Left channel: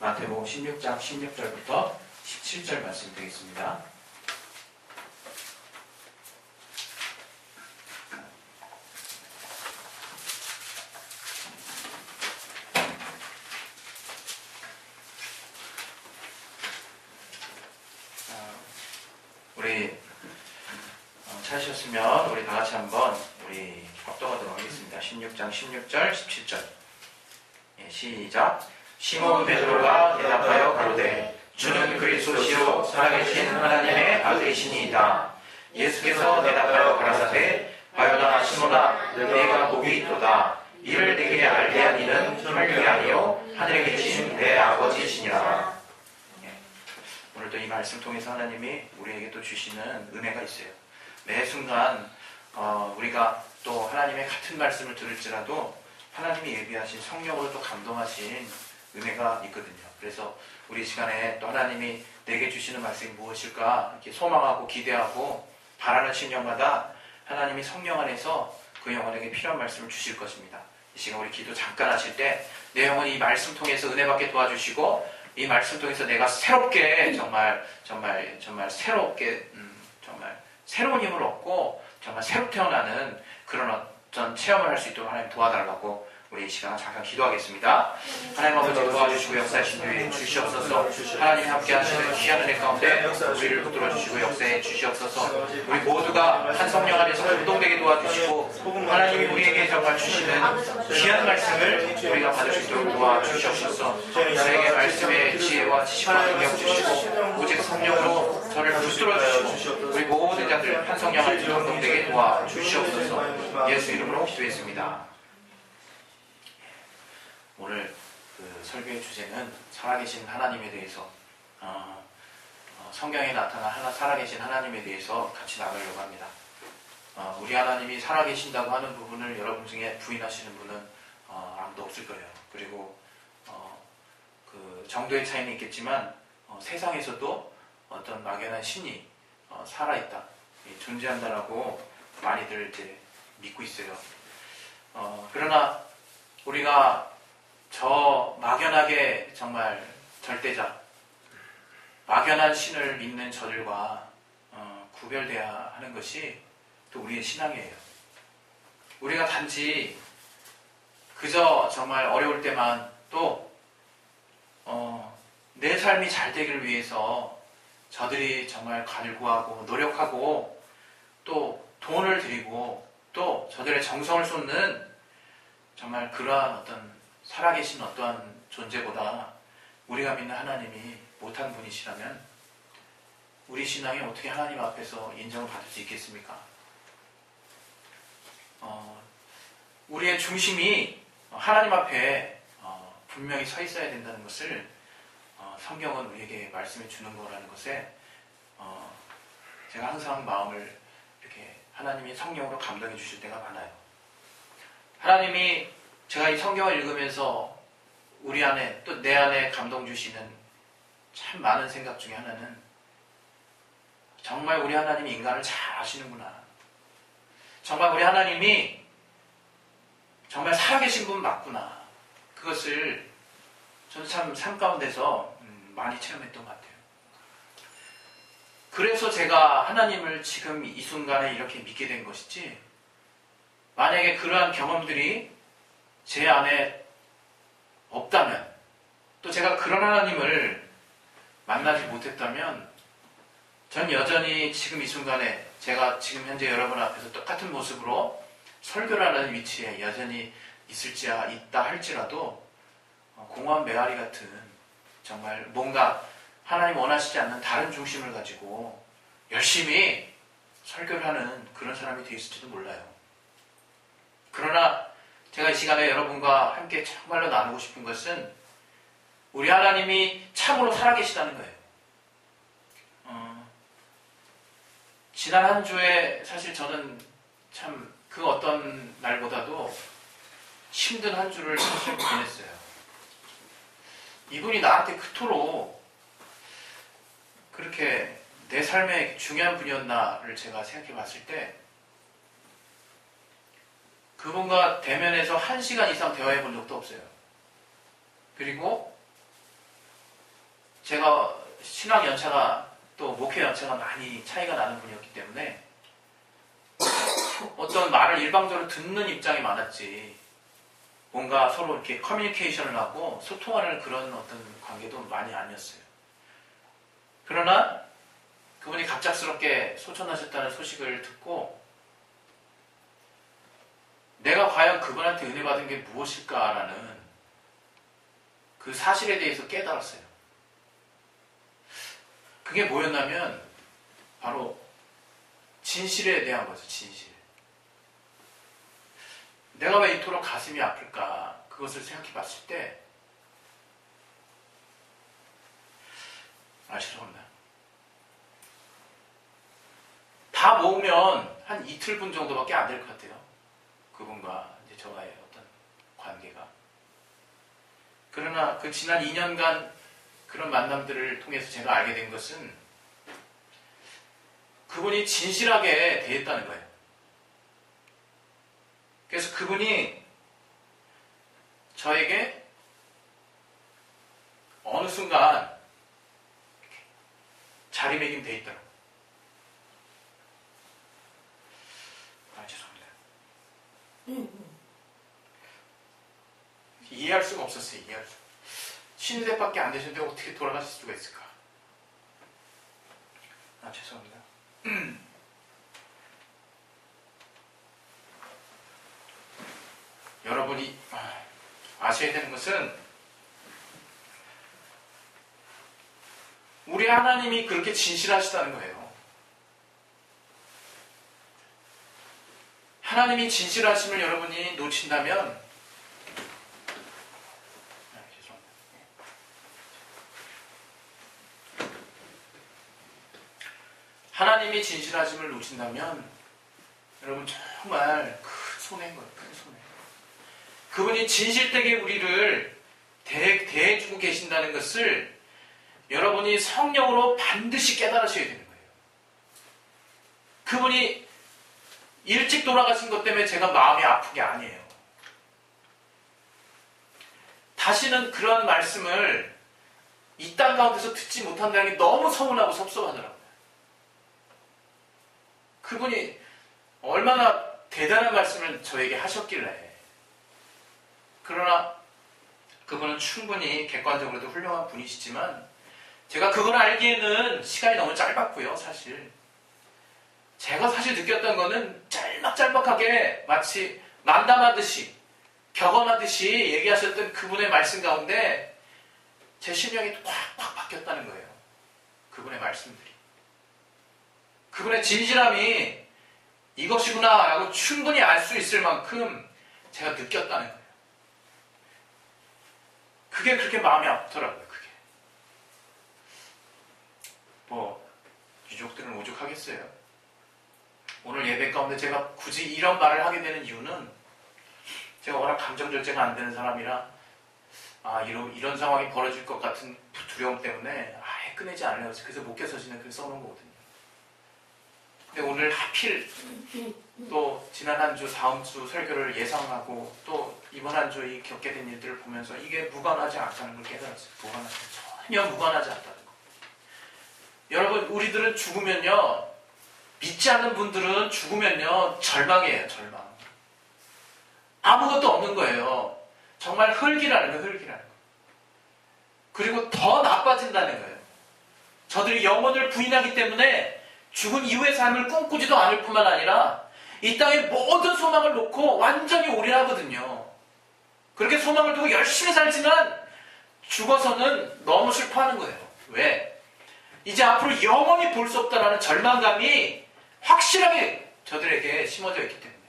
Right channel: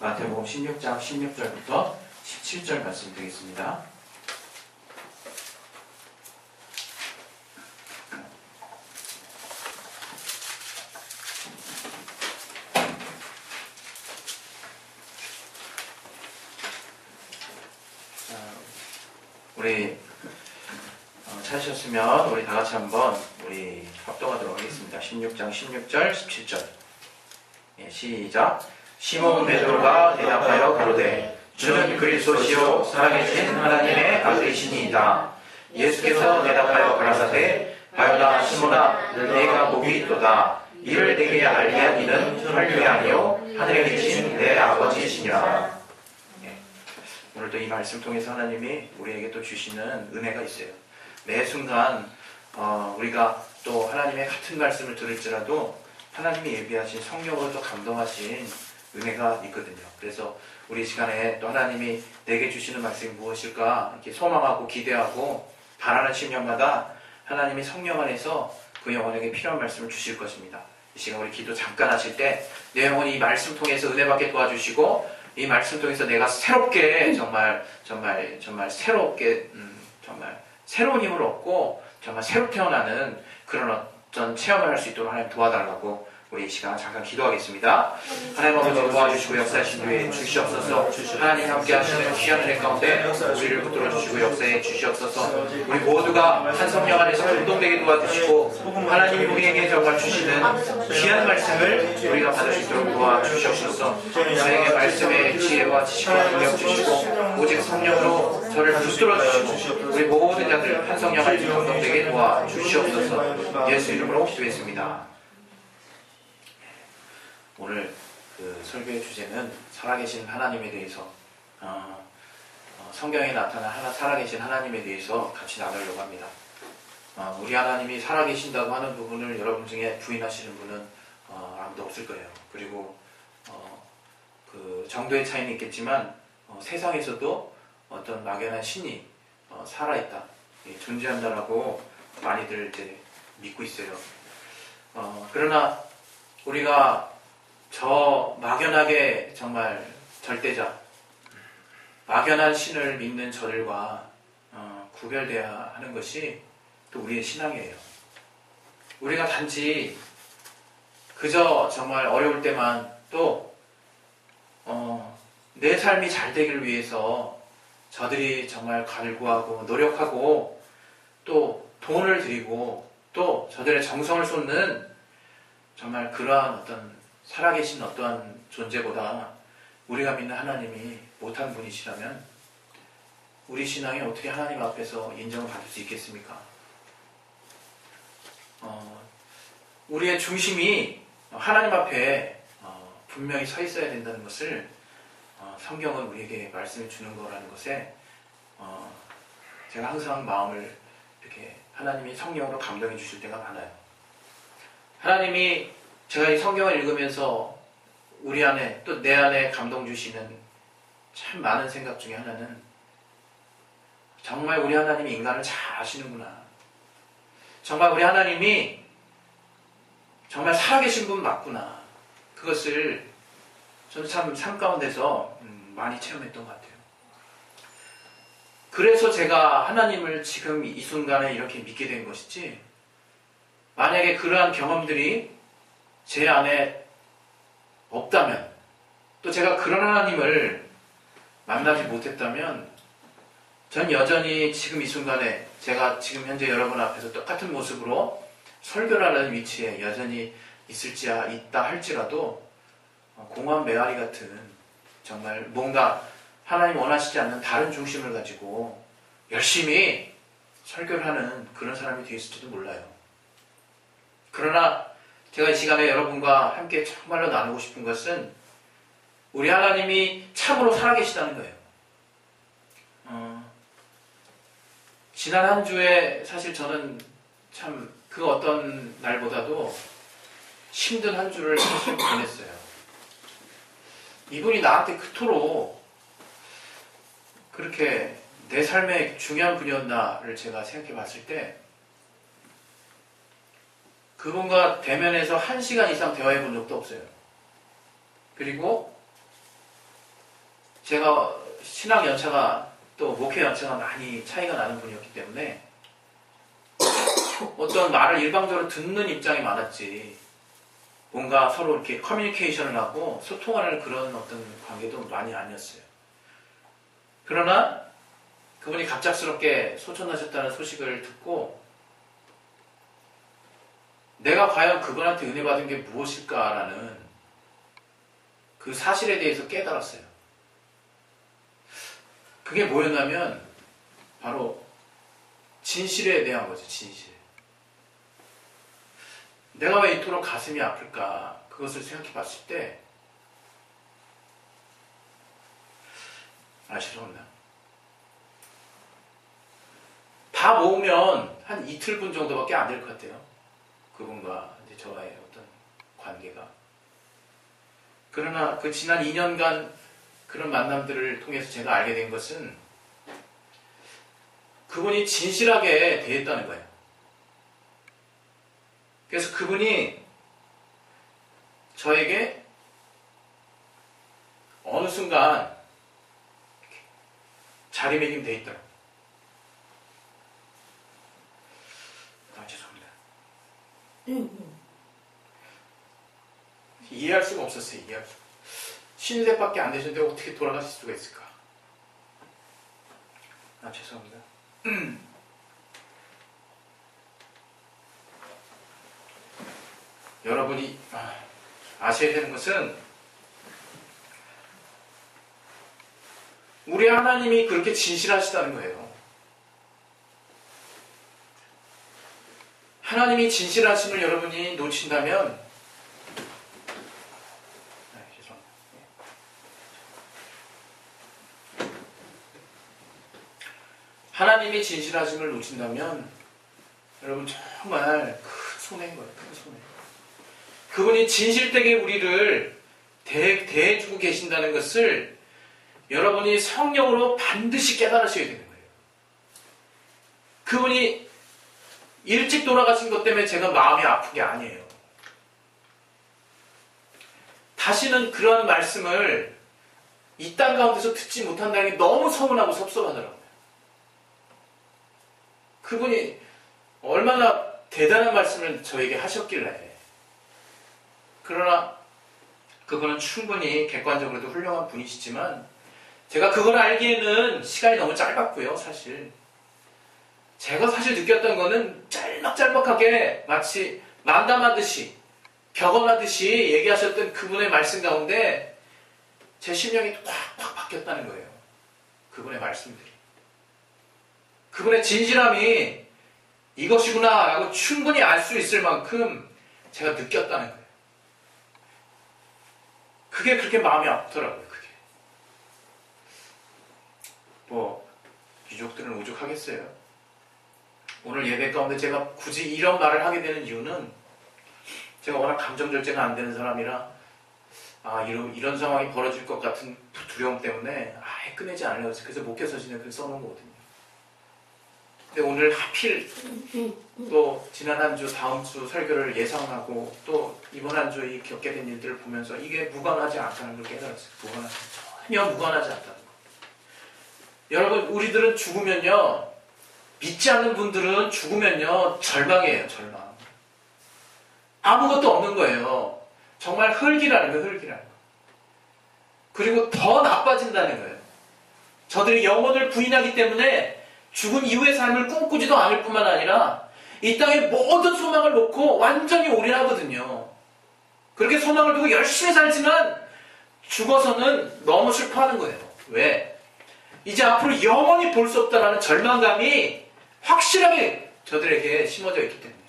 마태복음 16장 16절부터 17절 말씀 되겠습니다. 우리 찾으셨으면 우리 다 같이 한번 우리 합독하도록 하겠습니다. 16장 16절 17절 시작. 시몬 베드로가 대답하여 가로되 주는 그리스도시요 살아계신 하나님의 아들이시니이다. 예수께서 대답하여 가라사대 바요나 시몬아 내가 복이 있도다. 이를 내게 알게 하기는 혈육이 아니요 하늘에 계신 내 아버지시니라. 오늘도 이 말씀 통해서 하나님이 우리에게 또 주시는 은혜가 있어요. 매 순간 우리가 또 하나님의 같은 말씀을 들을지라도 하나님이 예비하신 성령으로 또 감동하신 은혜가 있거든요. 그래서 우리 시간에 또 하나님이 내게 주시는 말씀이 무엇일까 이렇게 소망하고 기대하고 바라는 심령마다 하나님이 성령 안에서 그 영혼에게 필요한 말씀을 주실 것입니다. 이 시간 우리 기도 잠깐 하실 때 내 영혼이 이 말씀 통해서 은혜 받게 도와주시고 이 말씀 통해서 내가 새롭게 정말 새롭게 정말 새로운 힘을 얻고 정말 새로 태어나는 그런 어떤 체험을 할 수 있도록 하나님 도와달라고 우리 이 시간 잠깐 기도하겠습니다. 하나님 아버지 도와주시고 역사하신 뒤에 주시옵소서. 하나님 함께 하시는 귀한 은혜 가운데 우리를 붙들어 주시고 역사해 주시옵소서. 우리 모두가 한 성령 안에서 감동되게 도와주시고 하나님이 우리에게 정말 주시는 귀한 말씀을 우리가 받을 수 있도록 도와주시옵소서. 저에게 말씀의 지혜와 지식과 능력 주시고 오직 성령으로 저를 붙들어 주시고 우리 모든 자들 한 성령 안에서 감동되게 도와주시옵소서. 예수 이름으로 기도했습니다. 오늘 그 설교의 주제는 살아계신 하나님에 대해서 성경에 나타난 살아계신 하나님에 대해서 같이 나누려고 합니다. 우리 하나님이 살아계신다고 하는 부분을 여러분 중에 부인하시는 분은 아무도 없을 거예요. 그리고 그 정도의 차이는 있겠지만 세상에서도 어떤 막연한 신이 살아있다, 존재한다라고 많이들 이제 믿고 있어요. 그러나 우리가 저 막연하게 정말 절대자, 막연한 신을 믿는 저들과 구별돼야 하는 것이 또 우리의 신앙이에요. 우리가 단지 그저 정말 어려울 때만 또 내 삶이 잘 되기를 위해서 저들이 정말 갈구하고 노력하고 또 돈을 들이고 또 저들의 정성을 쏟는 정말 그러한 어떤 살아계신 어떠한 존재보다 우리가 믿는 하나님이 못한 분이시라면 우리 신앙이 어떻게 하나님 앞에서 인정을 받을 수 있겠습니까? 우리의 중심이 하나님 앞에 분명히 서 있어야 된다는 것을 성경은 우리에게 말씀해 주는 거라는 것에 제가 항상 마음을 이렇게 하나님이 성령으로 감동해 주실 때가 많아요. 하나님이 제가 이 성경을 읽으면서 우리 안에 또 내 안에 감동 주시는 참 많은 생각 중에 하나는 정말 우리 하나님이 인간을 잘 아시는구나. 정말 우리 하나님이 정말 살아계신 분 맞구나. 그것을 저는 참 삶 가운데서 많이 체험했던 것 같아요. 그래서 제가 하나님을 지금 이 순간에 이렇게 믿게 된 것이지, 만약에 그러한 경험들이 제 안에 없다면, 또 제가 그런 하나님을 만나지 못했다면 전 여전히 지금 이 순간에 제가 지금 현재 여러분 앞에서 똑같은 모습으로 설교를 하는 위치에 여전히 있다 할지라도 공허한 메아리 같은 정말 뭔가 하나님 원하시지 않는 다른 중심을 가지고 열심히 설교를 하는 그런 사람이 되었을지도 몰라요. 그러나 제가 이 시간에 여러분과 함께 정말로 나누고 싶은 것은 우리 하나님이 참으로 살아계시다는 거예요. 지난 한 주에 사실 저는 참 그 어떤 날보다도 힘든 한 주를 사실 보냈어요. 이분이 나한테 그토록 그렇게 내 삶에 중요한 분이었나를 제가 생각해 봤을 때 그분과 대면에서 1시간 이상 대화해 본 적도 없어요. 그리고 제가 신앙 연차가 또 목회 연차가 많이 차이가 나는 분이었기 때문에 어떤 말을 일방적으로 듣는 입장이 많았지, 뭔가 서로 이렇게 커뮤니케이션을 하고 소통하는 그런 어떤 관계도 많이 아니었어요. 그러나 그분이 갑작스럽게 소천하셨다는 소식을 듣고 내가 과연 그분한테 은혜 받은 게 무엇일까라는 그 사실에 대해서 깨달았어요. 그게 뭐였냐면 바로 진실에 대한 거죠. 진실. 내가 왜 이토록 가슴이 아플까, 그것을 생각해 봤을 때 아시려나? 다 모으면 한 이틀분 정도밖에 안 될 것 같아요. 그분과 이제 저와의 어떤 관계가. 그러나 그 지난 2년간 그런 만남들을 통해서 제가 알게 된 것은 그분이 진실하게 대했다는 거예요. 그래서 그분이 저에게 어느 순간 자리매김돼 있더라고요. 죄송합니다. 이해할 수가 없었어요. 이해할 수가. 50대밖에 안 되셨는데 어떻게 돌아가실 수가 있을까? 죄송합니다. 여러분이 아셔야 되는 것은 우리 하나님이 그렇게 진실하시다는 거예요. 하나님이 진실하심을 여러분이 놓친다면, 죄송합니다. 하나님이 진실하심을 놓친다면 여러분 정말 큰 손해인 거예요. 큰 손해. 그분이 진실되게 우리를 대해주고 계신다는 것을 여러분이 성령으로 반드시 깨달으셔야 되는 거예요. 그분이 일찍 돌아가신 것 때문에 제가 마음이 아픈 게 아니에요. 다시는 그런 말씀을 이 땅 가운데서 듣지 못한다는 게 너무 서운하고 섭섭하더라고요. 그분이 얼마나 대단한 말씀을 저에게 하셨길래. 그러나 그분은 충분히 객관적으로도 훌륭한 분이시지만 제가 그걸 알기에는 시간이 너무 짧았고요. 사실 제가 느꼈던 거는 짤막짤막하게 마치 만담하듯이 격언하듯이 얘기하셨던 그분의 말씀 가운데 제 심령이 확확 바뀌었다는 거예요. 그분의 말씀들이. 그분의 진실함이 이것이구나 라고 충분히 알 수 있을 만큼 제가 느꼈다는 거예요. 그게 그렇게 마음이 아프더라고요. 그게. 유족들은 오죽하겠어요. 오늘 예배 가운데 제가 굳이 이런 말을 하게 되는 이유는 제가 워낙 감정 절제가 안 되는 사람이라 이런 상황이 벌어질 것 같은 두려움 때문에 아예 꺼내지 않으려고 해서 그래서 목회서신에 그걸 써놓은 거거든요. 근데 오늘 하필 또 지난 한 주, 다음 주 설교를 예상하고 또 이번 한 주 이 겪게 된 일들을 보면서 이게 무관하지 않다는 걸 깨달았어요. 전혀 무관하지 않다는 거. 여러분, 우리들은 죽으면요, 믿지 않는 분들은 죽으면요 절망이에요. 절망. 아무것도 없는 거예요. 정말 흙이라는 거, 흙이라는 거. 그리고 더 나빠진다는 거예요. 저들이 영혼을 부인하기 때문에 죽은 이후의 삶을 꿈꾸지도 않을 뿐만 아니라 이 땅에 모든 소망을 놓고 완전히 올인하거든요. 그렇게 소망을 두고 열심히 살지만 죽어서는 너무 슬퍼하는 거예요. 왜? 이제 앞으로 영원히 볼 수 없다는 절망감이 확실하게 저들에게 심어져 있기 때문에.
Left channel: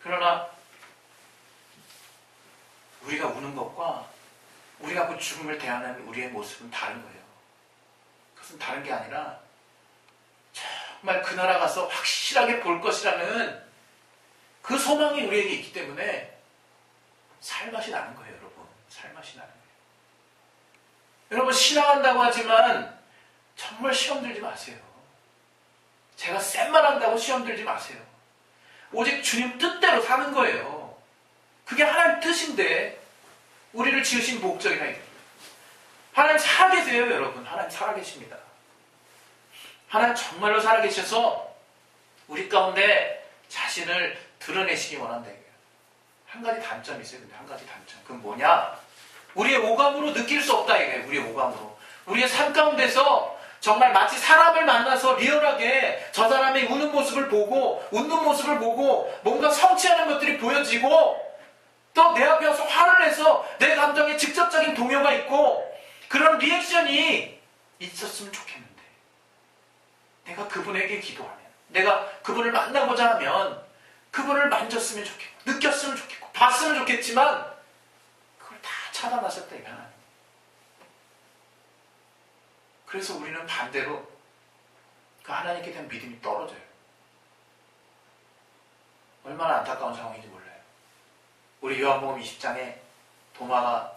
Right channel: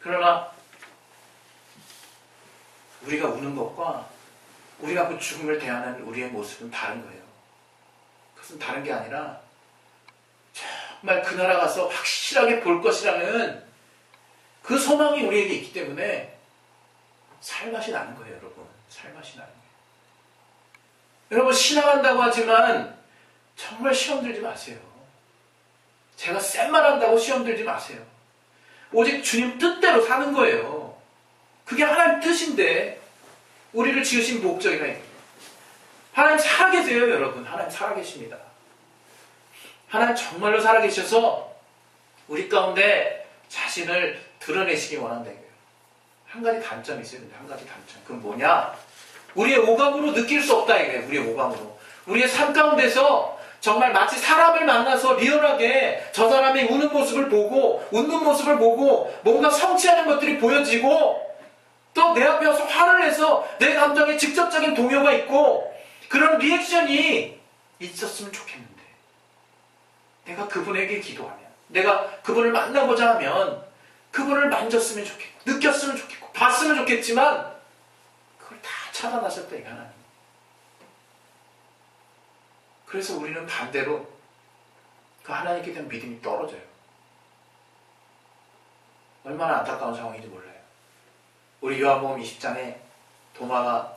그러나 우리가 우는 것과 우리가 그 죽음을 대하는 우리의 모습은 다른 거예요. 그것은 다른 게 아니라 정말 그 나라 가서 확실하게 볼 것이라는 그 소망이 우리에게 있기 때문에 살맛이 나는 거예요. 여러분. 살맛이 나는 거예요. 여러분, 신앙한다고 하지만 정말 시험 들지 마세요. 제가 센 말 한다고 시험 들지 마세요. 오직 주님 뜻대로 사는 거예요. 그게 하나님 뜻인데 우리를 지으신 목적이라. 하나님 살아계세요, 여러분. 하나님 살아계십니다. 하나님 정말로 살아계셔서 우리 가운데 자신을 드러내시기 원한다 이거예요. 한 가지 단점이 있어요. 근데 한 가지 단점. 그건 뭐냐? 우리의 오감으로 느낄 수 없다 이거예요. 우리의 오감으로. 우리의 삶 가운데서 정말 마치 사람을 만나서 리얼하게 저 사람이 우는 모습을 보고 웃는 모습을 보고 뭔가 성취하는 것들이 보여지고 또 내 앞에 와서 화를 내서 내 감정에 직접적인 동요가 있고 그런 리액션이 있었으면 좋겠는데 내가 그분에게 기도하면 내가 그분을 만나고자 하면 그분을 만졌으면 좋겠고 느꼈으면 좋겠고 봤으면 좋겠지만 그걸 다 차단하셨다 이 하나님. 그래서 우리는 반대로 그 하나님께 대한 믿음이 떨어져요. 얼마나 안타까운 상황인지 몰라요. 우리 요한복음 20장에 도마가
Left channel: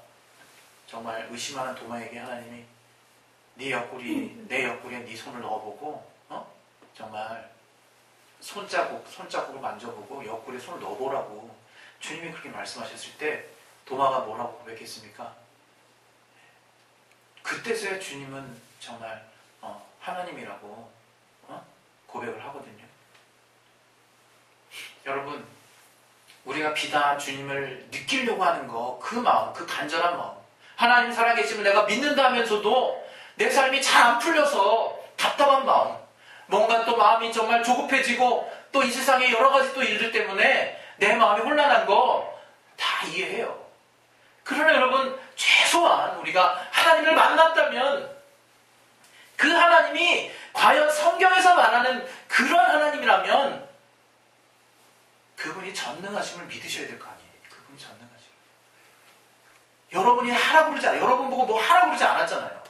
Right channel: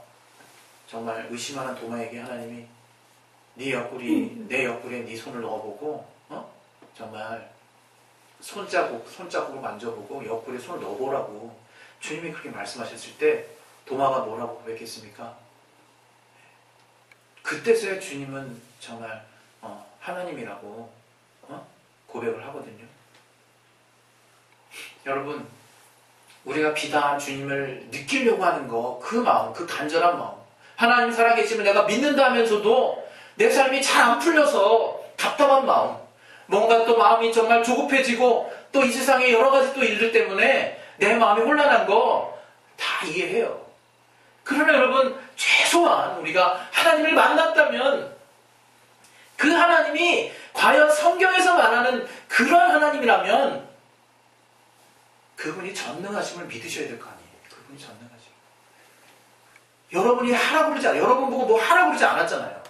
정말 의심하는 도마에게 하나님이 네 옆구리, 내 옆구리에 네 손을 넣어보고 정말 손자국을 만져보고 옆구리에 손을 넣어보라고 주님이 그렇게 말씀하셨을 때 도마가 뭐라고 고백했습니까? 그때서야 주님은 정말 하나님이라고 고백을 하거든요. 여러분, 우리가 비단 주님을 느끼려고 하는 거, 그 마음, 그 간절한 마음, 하나님 살아계시면 내가 믿는다 하면서도 내 삶이 잘 안 풀려서 답답한 마음, 뭔가 또 마음이 정말 조급해지고 또 이 세상에 여러 가지 또 일들 때문에 내 마음이 혼란한 거 다 이해해요. 그러나 여러분, 최소한 우리가 하나님을 만났다면 그 하나님이 과연 성경에서 말하는 그런 하나님이라면 그분이 전능하심을 믿으셔야 될 거 아니에요. 그분이 전능하심. 여러분이 하라고 그러지 않아요. 여러분 보고 뭐 하라고 그러지 않았잖아요.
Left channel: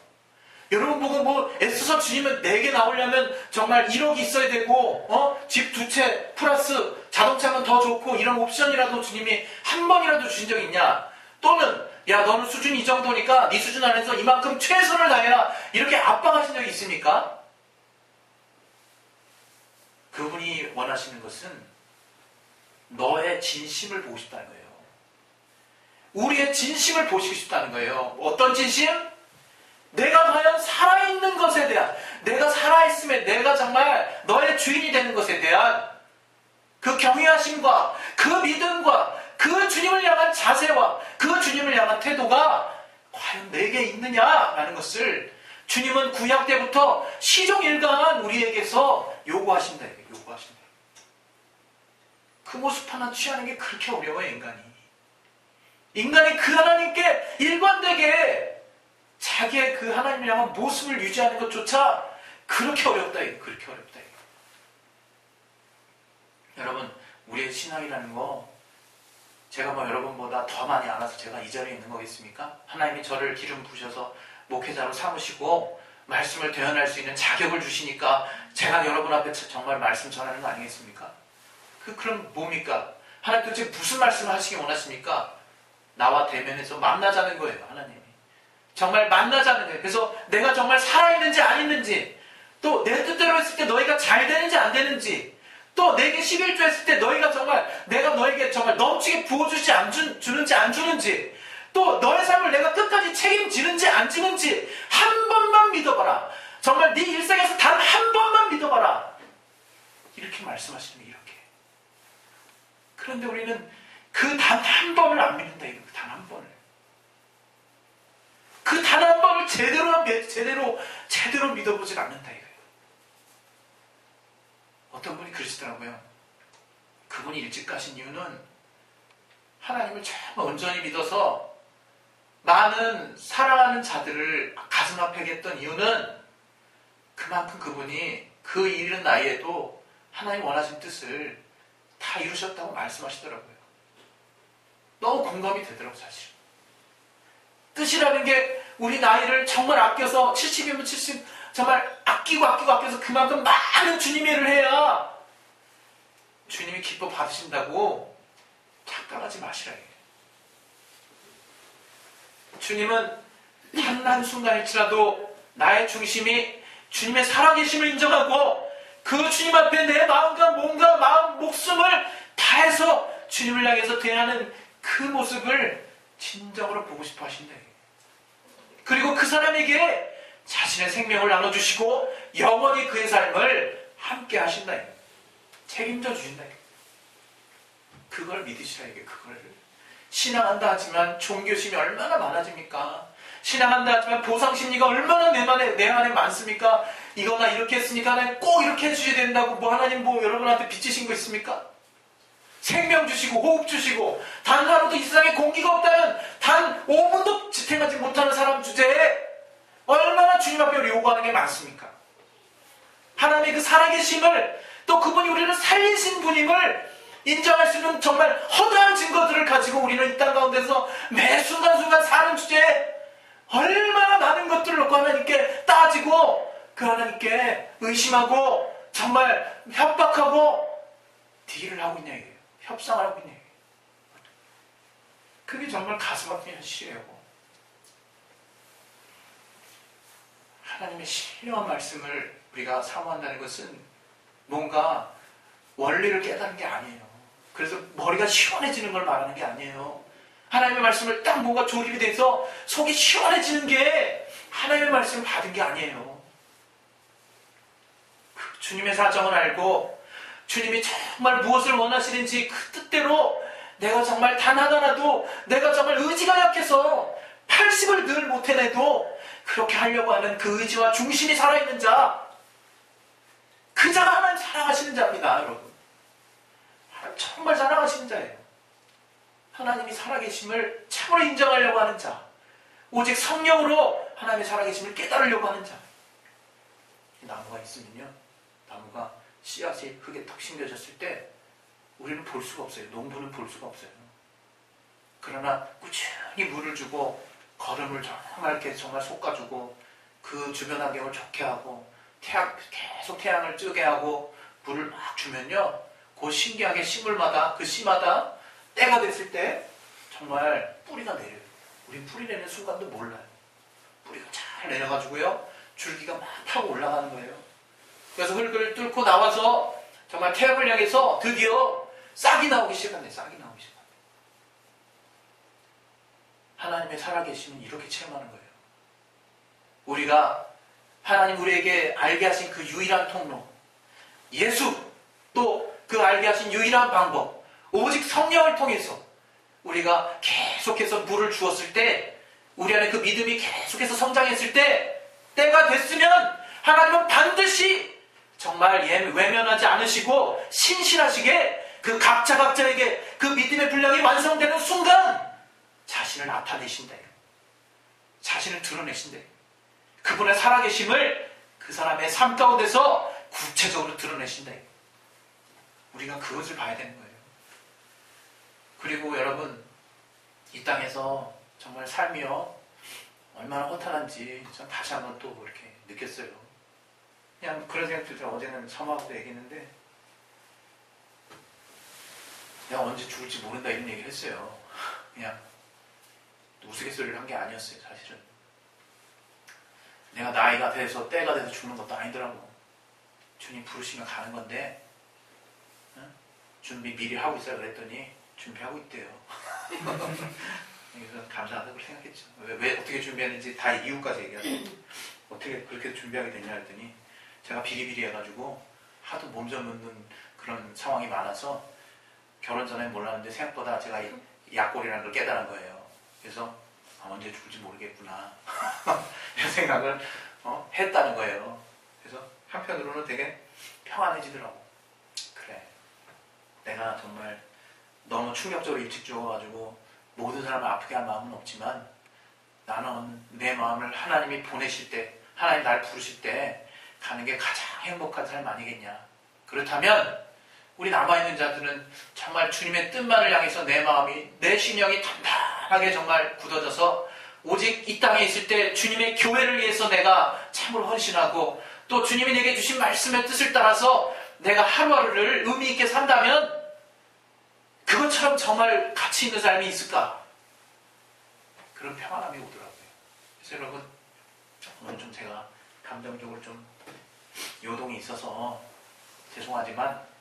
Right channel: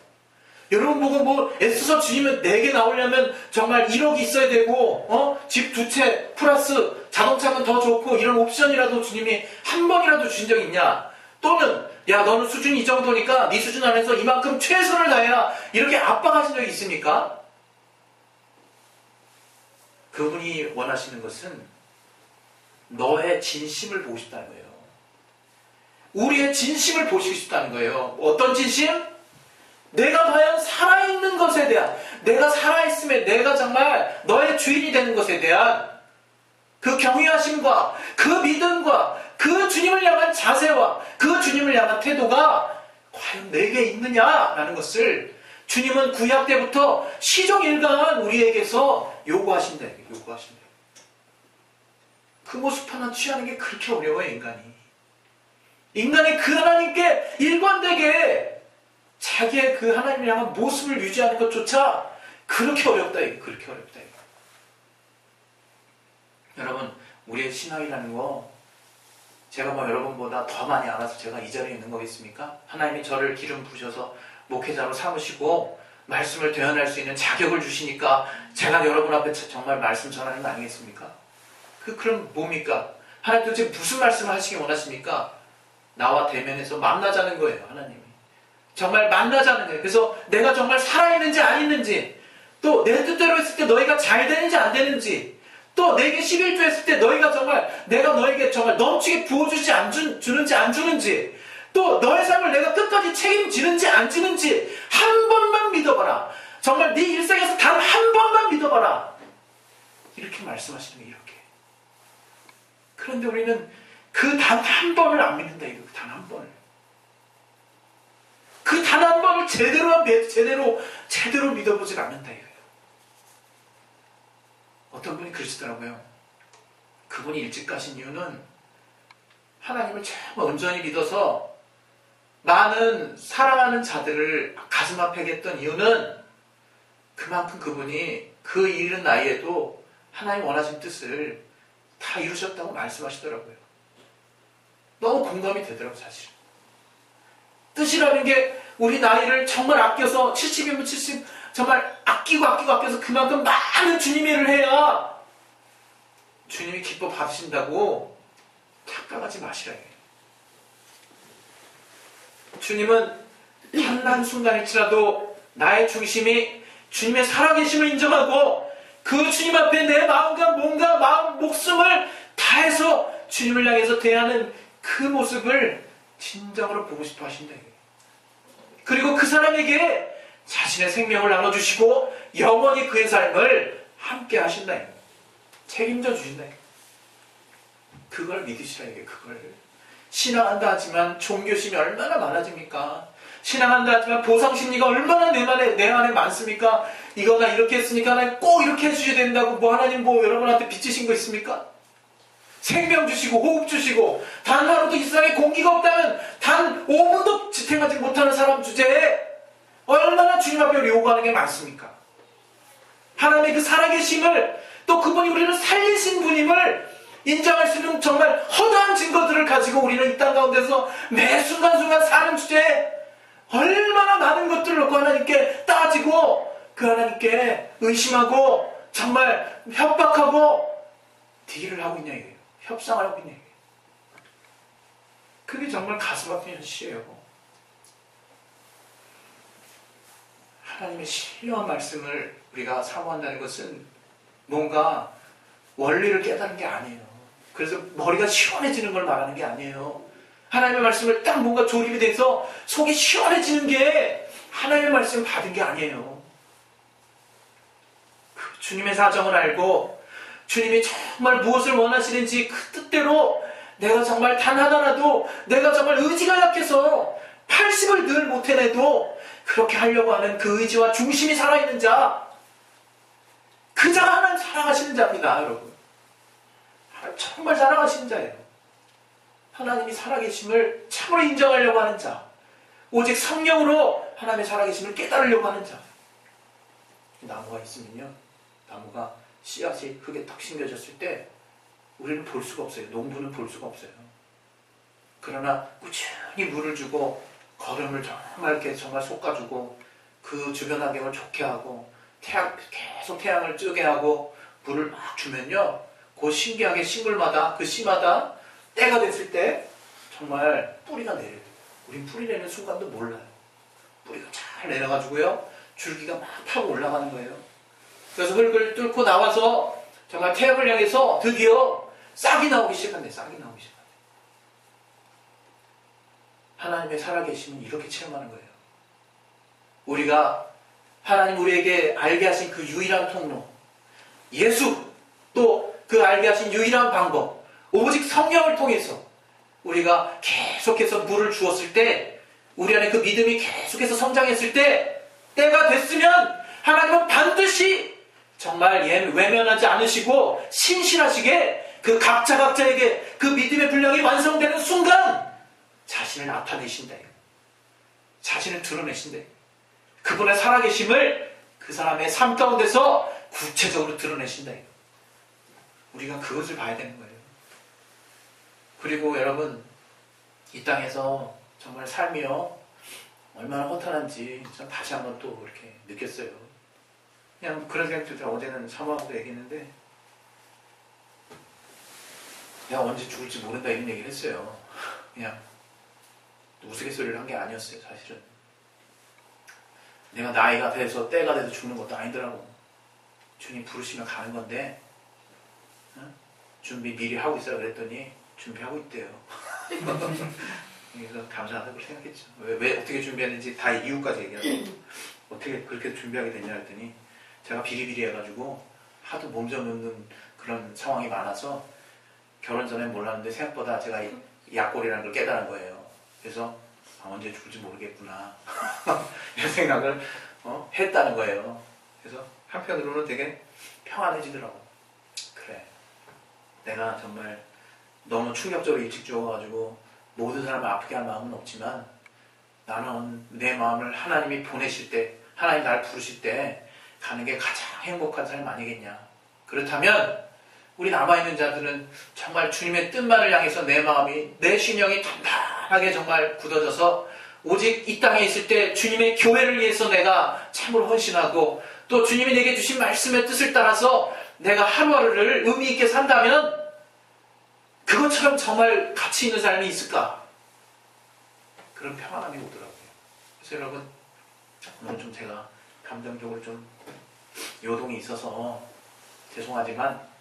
여러분 보고 뭐 애써서 주님은 내게 나오려면 정말 1억이 있어야 되고 집 2채 플러스 자동차는 더 좋고 이런 옵션이라도 주님이 한 번이라도 주신 적이 있냐? 또는 야 너는 수준이 이 정도니까 네 수준 안에서 이만큼 최선을 다해라 이렇게 압박하신 적이 있습니까? 그분이 원하시는 것은 너의 진심을 보고 싶다는 거예요. 우리의 진심을 보시고 싶다는 거예요. 어떤 진심? 내가 과연 살아있는 것에 대한, 내가 살아있음에 내가 정말 너의 주인이 되는 것에 대한 그 경외하심과 그 믿음과 그 주님을 향한 자세와 그 주님을 향한 태도가 과연 내게 있느냐라는 것을 주님은 구약 때부터 시종일관 우리에게서 요구하신다. 요구하신다. 그 모습 하나 취하는 게 그렇게 어려워요, 인간이. 인간이 그 하나님께 일관되게 자기의 그 하나님을 향한 모습을 유지하는 것조차 그렇게 어렵다. 그렇게 어렵다. 여러분, 우리의 신앙이라는 거 제가 뭐 여러분보다 더 많이 알아서 제가 이 자리에 있는 거겠습니까? 하나님이 저를 기름 부으셔서 목회자로 삼으시고 말씀을 대언할 수 있는 자격을 주시니까 제가 여러분 앞에 정말 말씀 전하는 거 아니겠습니까? 그럼 뭡니까? 하나님 도대체 무슨 말씀을 하시기 원하십니까? 나와 대면해서 만나자는 거예요, 하나님이. 정말 만나자는 거예요. 그래서 내가 정말 살아있는지 안 있는지, 또 내 뜻대로 했을 때 너희가 잘 되는지 안 되는지, 또 내게 11조 했을 때 너희가 정말 내가 너에게 정말 넘치게 부어주지 주는지 안 주는지, 또 너의 삶을 내가 끝까지 책임지는지 안 지는지 한 번만 믿어봐라. 정말 네 일생에서 단 한 번만 믿어봐라. 이렇게 말씀하시는 게 이렇게. 그런데 우리는 그 단 한 번을 안 믿는다. 이거 단 한 번을. 그 단 한 번을 제대로 믿어보질 않는다. 이거예요. 어떤 분이 그러시더라고요. 그분이 일찍 가신 이유는 하나님을 참 온전히 믿어서 많은 사랑하는 자들을 가슴 아프게 했던 이유는 그만큼 그분이 그 이른 나이에도 하나님 원하신 뜻을 다 이루셨다고 말씀하시더라고요. 너무 공감이 되더라고요, 사실. 뜻이라는 게 우리 나이를 정말 아껴서 70이면 70 정말 아껴서 그만큼 많은 주님의 일을 해야 주님이 기뻐 받으신다고 착각하지 마시라. 주님은 한순간일지라도 나의 중심이 주님의 살아계심을 인정하고 그 주님 앞에 내 마음과 몸과 마음, 목숨을 다해서 주님을 향해서 대하는 그 모습을 진정으로 보고 싶어 하신다. 그리고 그 사람에게 자신의 생명을 나눠주시고 영원히 그의 삶을 함께 하신다. 책임져 주신다. 그걸 믿으시라. 이게 그걸. 신앙한다 하지만 종교심이 얼마나 많아집니까? 신앙한다 하지만 보상심리가 얼마나 내 안에 많습니까? 이거 나 이렇게 했으니까 하나님 꼭 이렇게 해주셔야 된다고 뭐 하나님 뭐 여러분한테 빚지신 거 있습니까? 생명 주시고 호흡 주시고 단 하루도 이 세상에 공기가 없다면 단 5분도 지탱하지 못하는 사람 주제에 얼마나 주님 앞에 요구하는 게 많습니까? 하나님의 그 살아계심을 또 그분이 우리를 살리신 분임을 인정할 수 있는 정말 허다한 증거들을 가지고 우리는 이 땅 가운데서 매 순간순간 사는 주제에 얼마나 많은 것들을 놓고 하나님께 따지고 그 하나님께 의심하고 정말 협박하고 딜을 하고 있냐 이게요. 협상을 하고 있냐 이게요. 그게 정말 가슴 아픈 현실이에요. 하나님의 신령한 말씀을 우리가 사모한다는 것은 뭔가 원리를 깨달은 게 아니에요. 그래서 머리가 시원해지는 걸 말하는 게 아니에요. 하나님의 말씀을 딱 뭔가 조립이 돼서 속이 시원해지는 게 하나님의 말씀을 받은 게 아니에요. 주님의 사정을 알고 주님이 정말 무엇을 원하시는지 그 뜻대로 내가 정말 단 하나라도 내가 정말 의지가 약해서 80을 늘 못해내도 그렇게 하려고 하는 그 의지와 중심이 살아있는 자, 그 자가 하나님 사랑하시는 자입니다, 여러분. 정말 사랑하시는 자예요. 하나님이 살아계심을 참으로 인정하려고 하는 자, 오직 성령으로 하나님의 살아계심을 깨달으려고 하는 자. 나무가 있으면요, 나무가 씨앗이 흙에 탁 심겨졌을 때 우리는 볼 수가 없어요. 농부는 볼 수가 없어요. 그러나 꾸준히 물을 주고 거름을 정말 이렇게 정말 솎아주고 그 주변 환경을 좋게 하고 계속 태양을 뜨게 하고 물을 막 주면요, 그 신기하게 식물마다 그 씨마다 때가 됐을 때 정말 뿌리가 내려요. 우린 뿌리 내는 순간도 몰라요. 뿌리가 잘 내려가지고요, 줄기가 막 타고 올라가는 거예요. 그래서 흙을 뚫고 나와서 정말 태양을 향해서 드디어 싹이 나오기 시작한대. 싹이 나오기 시작한대. 하나님의 살아계심은 이렇게 체험하는 거예요. 우리가 하나님 우리에게 알게 하신 그 유일한 통로, 예수, 또 그 알게 하신 유일한 방법, 오직 성령을 통해서 우리가 계속해서 물을 주었을 때, 우리 안에 그 믿음이 계속해서 성장했을 때, 때가 됐으면 하나님은 반드시 정말 외면하지 않으시고 신실하시게 그 각자에게 그 믿음의 분량이 완성되는 순간 자신을 나타내신다. 자신을 드러내신다. 그분의 살아계심을 그 사람의 삶 가운데서 구체적으로 드러내신다. 우리가 그것을 봐야 되는 거예요. 그리고 여러분, 이 땅에서 정말 삶이요, 얼마나 허탈한지 전 다시 한번 또 이렇게 느꼈어요. 그냥 그런 생각이 들더라고요. 어제는 사모하고도 얘기했는데, 내가 언제 죽을지 모른다 이런 얘기를 했어요. 그냥 우스갯소리를 한 게 아니었어요, 사실은. 내가 나이가 돼서 때가 돼서 죽는 것도 아니더라고. 주님 부르시면 가는 건데, 응? 준비 미리 하고 있어라 그랬더니 준비하고 있대요. 그래서 감사하다고 생각했죠. 왜 어떻게 준비했는지 다 이유까지 얘기하고, 어떻게 그렇게 준비하게 됐냐 했더니, 제가 비리비리 해가지고 하도 몸져 놓는 그런 상황이 많아서 결혼 전엔 몰랐는데 생각보다 제가 약골이라는 걸 깨달은 거예요. 그래서 언제 죽을지 모르겠구나 이런 생각을 했다는 거예요. 그래서 한편으로는 되게 평안해지더라고. 그래, 내가 정말 너무 충격적으로 일찍 죽어가지고 모든 사람을 아프게 할 마음은 없지만 나는 내 마음을 하나님이 보내실 때, 하나님 나를 부르실 때 가는 게 가장 행복한 삶 아니겠냐. 그렇다면 우리 남아있는 자들은 정말 주님의 뜻만을 향해서 내 마음이, 내 신령이 단단하게 정말 굳어져서 오직 이 땅에 있을 때 주님의 교회를 위해서 내가 참으로 헌신하고, 또 주님이 내게 주신 말씀의 뜻을 따라서 내가 하루하루를 의미 있게 산다면 그것처럼 정말 가치 있는 삶이 있을까? 그런 평안함이 오더라고요. 그래서 여러분, 오늘 좀 제가 감정적으로 좀 요동이 있어서 죄송하지만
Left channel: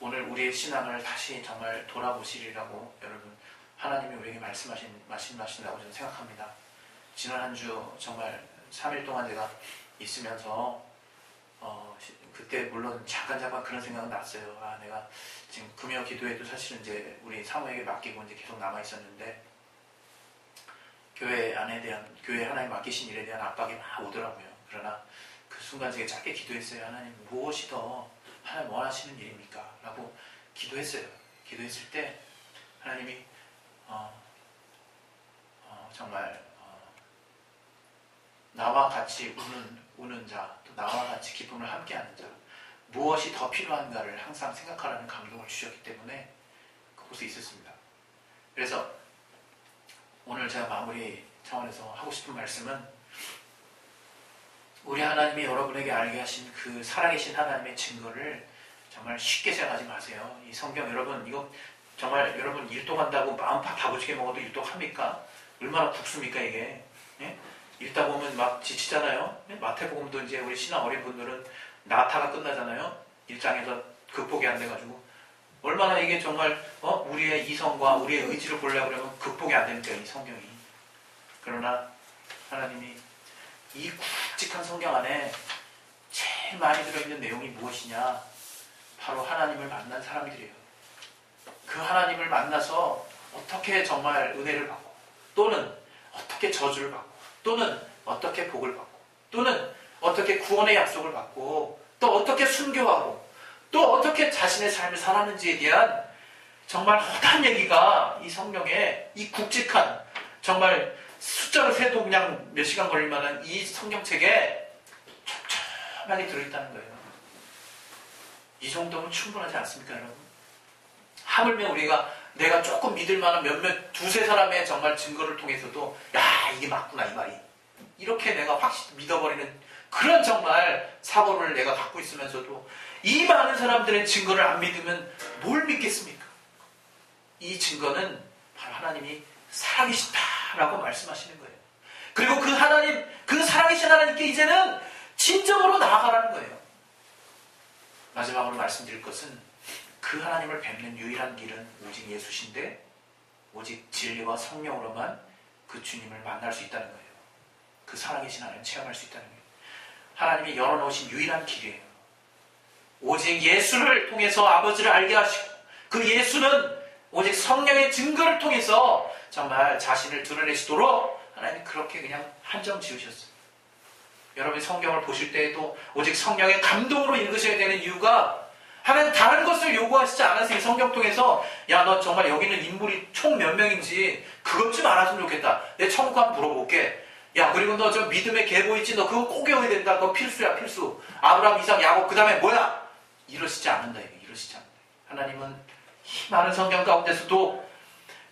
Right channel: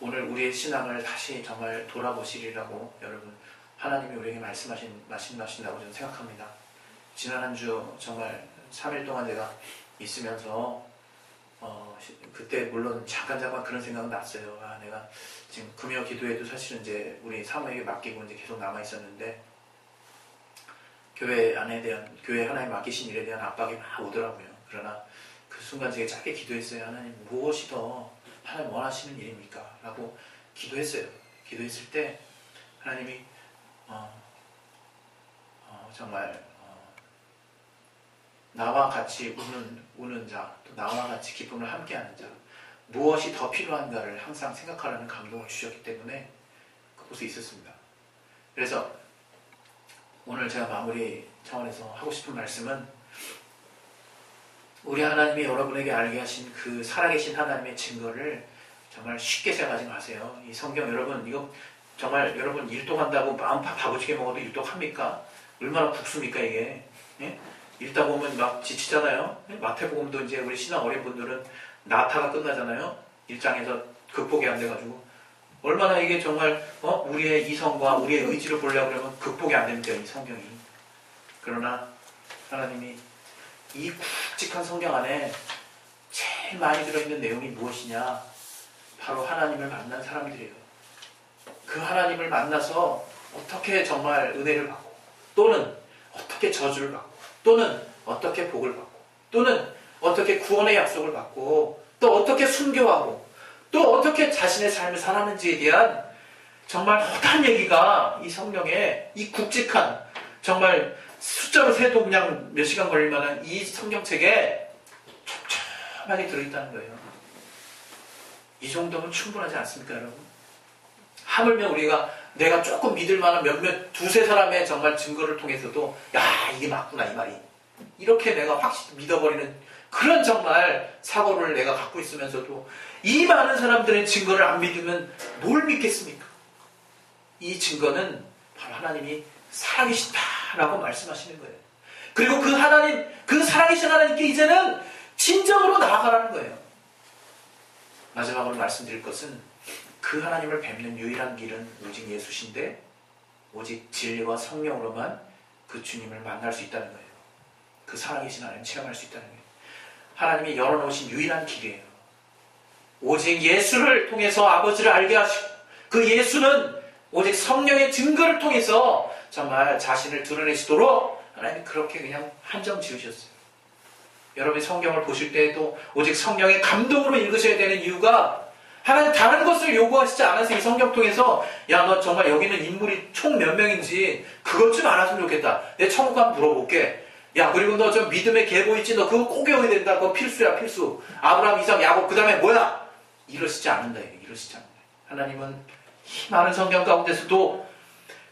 오늘 우리의 신앙을 다시 정말 돌아보시리라고 여러분, 하나님이 우리에게 말씀하신다고 저는 생각합니다. 지난 한 주 정말 3일 동안 제가 있으면서 그때 물론 잠깐 그런 생각은 났어요. 내가 지금 금요 기도에도 사실은 이제 우리 사모에게 맡기고 이제 계속 남아 있었는데 교회 하나님 맡기신 일에 대한 압박이 막 오더라고요. 그러나 그 순간 제가 짧게 기도했어요. 하나님, 무엇이 더 하나님 원하시는 일입니까? 라고 기도했어요. 기도했을 때 하나님이 정말 나와 같이 우는 자, 또 나와 같이 기쁨을 함께하는 자, 무엇이 더 필요한가를 항상 생각하라는 감동을 주셨기 때문에 그곳에 있었습니다. 그래서 오늘 제가 마무리 차원에서 하고 싶은 말씀은, 우리 하나님이 여러분에게 알게 하신 그 살아계신 하나님의 증거를 정말 쉽게 생각하지 마세요. 이 성경 여러분, 이거 정말 여러분 일독한다고 마음 바보지게 먹어도 일독합니까? 얼마나 국수입니까 이게? 예? 읽다 보면 막 지치잖아요. 마태복음도 이제 우리 신앙 어린 분들은 나타가 끝나잖아요. 1장에서 극복이 안 돼가지고 얼마나 이게 정말 우리의 이성과 우리의 의지를 보려고 그러면 극복이 안 됩니다. 이 성경이. 그러나 하나님이 이 굵직한 성경 안에 제일 많이 들어있는 내용이 무엇이냐? 바로 하나님을 만난 사람들이에요. 그 하나님을 만나서 어떻게 정말 은혜를 받고, 또는 어떻게 저주를 받고, 또는 어떻게 복을 받고, 또는 어떻게 구원의 약속을 받고, 또 어떻게 순교하고, 또 어떻게 자신의 삶을 살았는지에 대한 정말 허다한 얘기가 이 성경에, 이 굵직한, 정말 숫자로 세도 그냥 몇 시간 걸릴 만한 이 성경책에 촘촘하게 들어있다는 거예요. 이 정도면 충분하지 않습니까, 여러분? 하물며 내가 조금 믿을 만한 두세 사람의 정말 증거를 통해서도, 야, 이게 맞구나, 이 말이. 이렇게 내가 확실히 믿어버리는 그런 정말 사고를 내가 갖고 있으면서도 이 많은 사람들의 증거를 안 믿으면 뭘 믿겠습니까? 이 증거는 바로 하나님이 살아계시다라고 말씀하시는 거예요. 그리고 그 살아계신 하나님께 이제는 진정으로 나아가라는 거예요. 마지막으로 말씀드릴 것은, 그 하나님을 뵙는 유일한 길은 오직 예수신데, 오직 진리와 성령으로만 그 주님을 만날 수 있다는 거예요. 그 살아계신 하나님 체험할 수 있다는 거예요. 하나님이 열어놓으신 유일한 길이에요. 오직 예수를 통해서 아버지를 알게 하시고, 그 예수는 오직 성령의 증거를 통해서 정말 자신을 드러내시도록 하나님이 그렇게 그냥 한정 지으셨어요. 여러분이 성경을 보실 때에도 오직 성령의 감동으로 읽으셔야 되는 이유가, 하나님 다른 것을 요구하시지 않아서 이 성경 통해서, 야, 너 정말 여기는 인물이 총 몇 명인지 그것 좀 알았으면 좋겠다. 내 천국 한번 물어볼게. 야, 그리고 너 저 믿음의 계보 있지? 너 그거 꼭 외워야 된다. 그거 필수야, 필수. 아브라함, 이삭, 야곱, 그 다음에 뭐야? 이러시지 않는다. 이러시지 않는다. 하나님은 이 많은 성경 가운데서도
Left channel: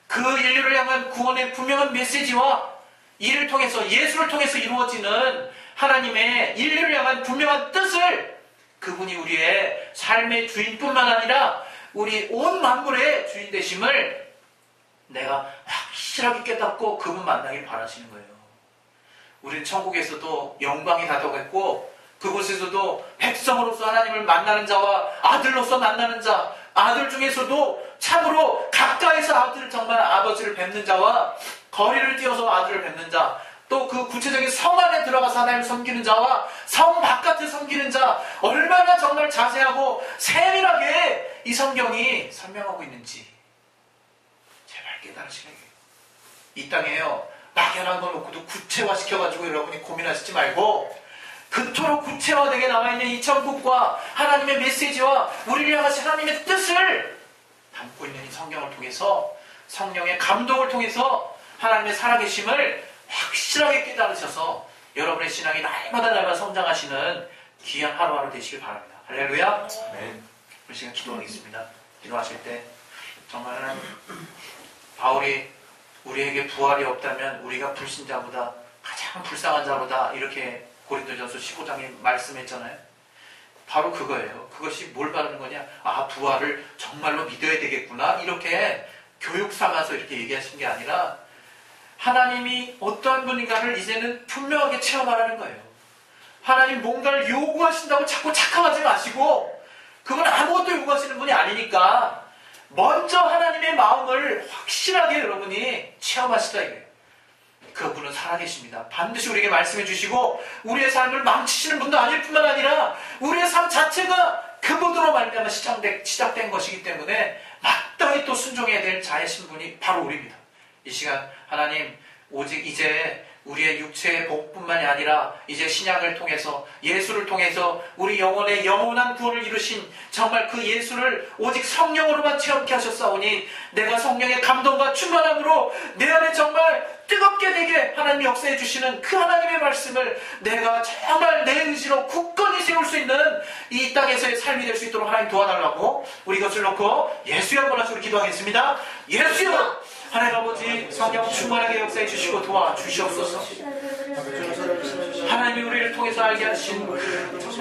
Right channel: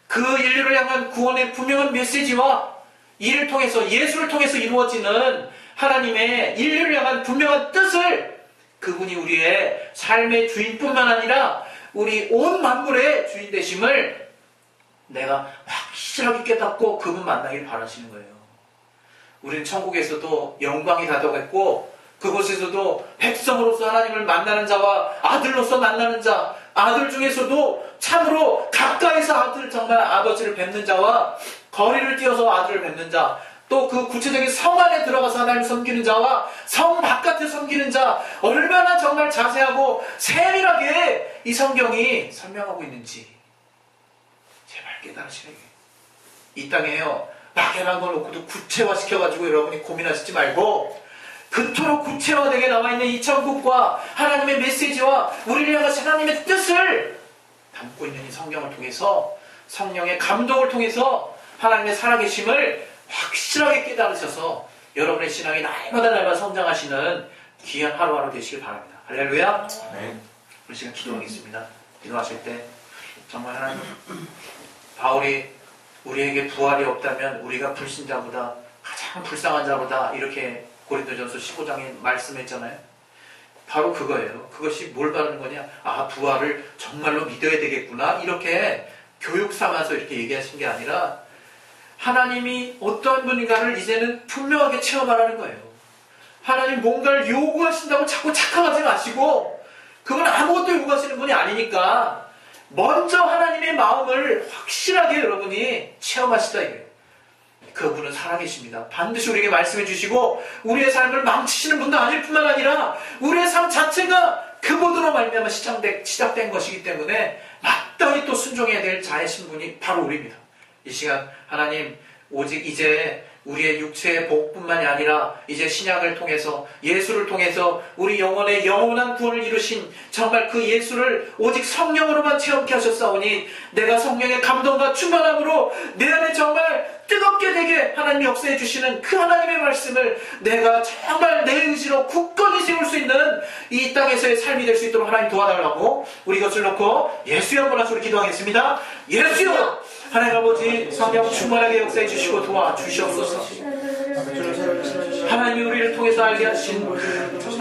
그 인류를 향한 구원의 분명한 메시지와 이를 통해서, 예수를 통해서 이루어지는 하나님의 인류를 향한 분명한 뜻을, 그분이 우리의 삶의 주인뿐만 아니라 우리 온 만물의 주인 되심을 내가 확실하게 깨닫고 그분 만나길 바라시는 거예요. 우리는 천국에서도 영광이 다가겠고, 그곳에서도 백성으로서 하나님을 만나는 자와 아들로서 만나는 자, 아들 중에서도 참으로 가까이서 정말 아버지를 뵙는 자와 거리를 뛰어서 아들을 뵙는 자, 또 그 구체적인 성 안에 들어가서 하나님을 섬기는 자와 성 바깥에 섬기는 자, 얼마나 정말 자세하고 세밀하게 이 성경이 설명하고 있는지 제발 깨달으시라고요. 이 땅에요, 막연한 걸 놓고도 구체화시켜가지고 여러분이 고민하시지 말고, 그토록 구체화되게 나와있는 이 천국과 하나님의 메시지와 우리를 향하신 하나님의 뜻을 담고 있는 이 성경을 통해서, 성령의 감동을 통해서 하나님의 살아계심을 확실하게 깨달으셔서 여러분의 신앙이 날마다 성장하시는 귀한 하루하루 되시길 바랍니다. 할렐루야. 네. 우리 시간 기도하겠습니다. 기도하실 때 정말 하나님, 바울이 우리에게 부활이 없다면 우리가 불신자보다 가장 불쌍한 자보다, 이렇게 고린도전서 15장에 말씀했잖아요. 바로 그거예요. 그것이 뭘 바르는 거냐? 아, 부활을 정말로 믿어야 되겠구나, 이렇게 교육 삼아서 이렇게 얘기하신 게 아니라, 하나님이 어떤 분인가를 이제는 분명하게 체험하라는 거예요. 하나님 뭔가를 요구하신다고 자꾸 착각하지 마시고, 그건 아무것도 요구하시는 분이 아니니까 먼저 하나님의 마음을 확실하게 여러분이 체험하시다, 이거예요. 그분은 살아계십니다. 반드시 우리에게 말씀해 주시고 우리의 삶을 망치시는 분도 아닐 뿐만 아니라 우리의 삶 자체가 그분으로 말미암아 시작된 것이기 때문에 마땅히 또 순종해야 될 자이신 분이 바로 우리입니다. 이 시간 하나님 오직 이제 우리의 육체의 복뿐만이 아니라 이제 신약을 통해서 예수를 통해서 우리 영혼의 영원한 구원을 이루신 정말 그 예수를 오직 성령으로만 체험케 하셨사오니 내가 성령의 감동과 충만함으로 내 안에 정말 뜨겁게 되게 하나님이 역사해 주시는 그 하나님의 말씀을 내가 정말 내 의지로 굳건히 세울 수 있는 이 땅에서의 삶이 될 수 있도록 하나님 도와달라고 우리 이것을 놓고 예수여 한번 하시고 기도하겠습니다. 예수여! 하나님 아버지 성령 충만하게 역사해 주시고 도와주시옵소서. 하나님이 우리를 통해서 알게 하신 정말